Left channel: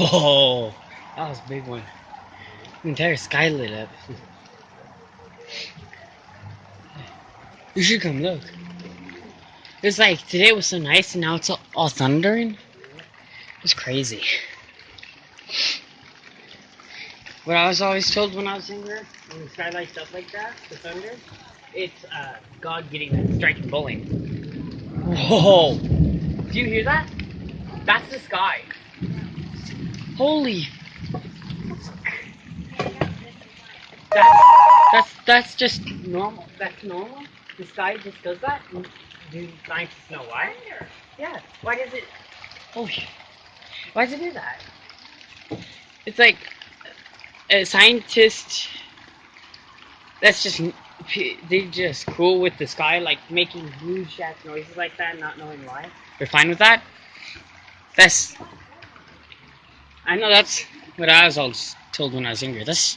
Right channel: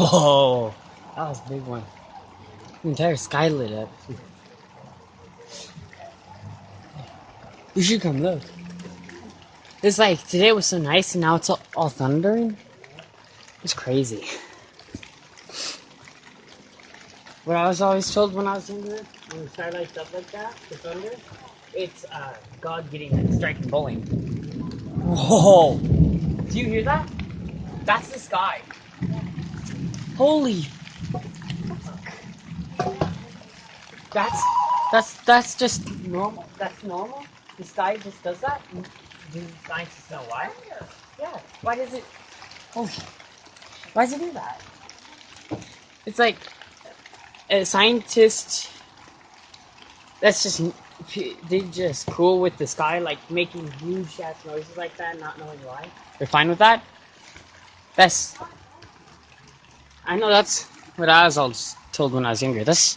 Whoa, that was a big one. The entire sky lit up. You should come look. It's like today was so nice and now it's all thundering. It's crazy. What I was always told when I was younger, when the sky lights up like that, the thunder, it's God getting that striking bowling. Whoa! Do you hear that? That's the sky. Holy! That's just normal. That's normal. The sky just does that. Do scientists know why? Yeah. Why does it? Holy! Why does it do that? It's like a scientist. That's just they just cool with the sky, like making huge ass noises like that, not knowing why. They're fine with that. That's I know that's what I was always told when I was younger. That's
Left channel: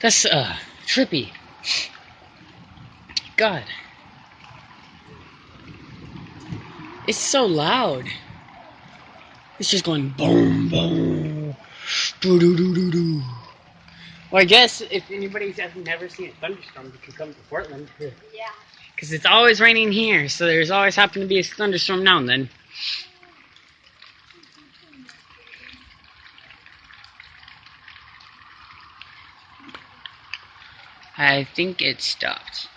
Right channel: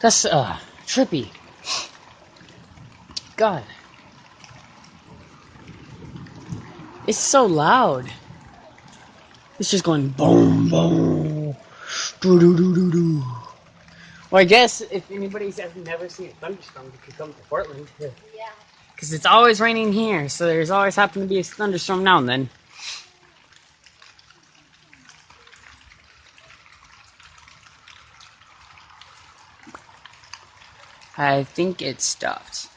trippy. God, it's so loud. It's just going boom boom, doo doo doo doo doo. Well, I guess if anybody's ever never seen a thunderstorm, you could come to Portland. Yeah. Because it's always raining here, so there's always happen to be a thunderstorm now and then. I think it stopped.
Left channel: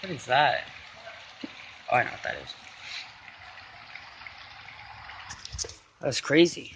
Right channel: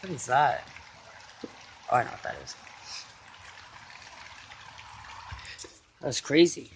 What is that? Oh, I know what that is. That's crazy.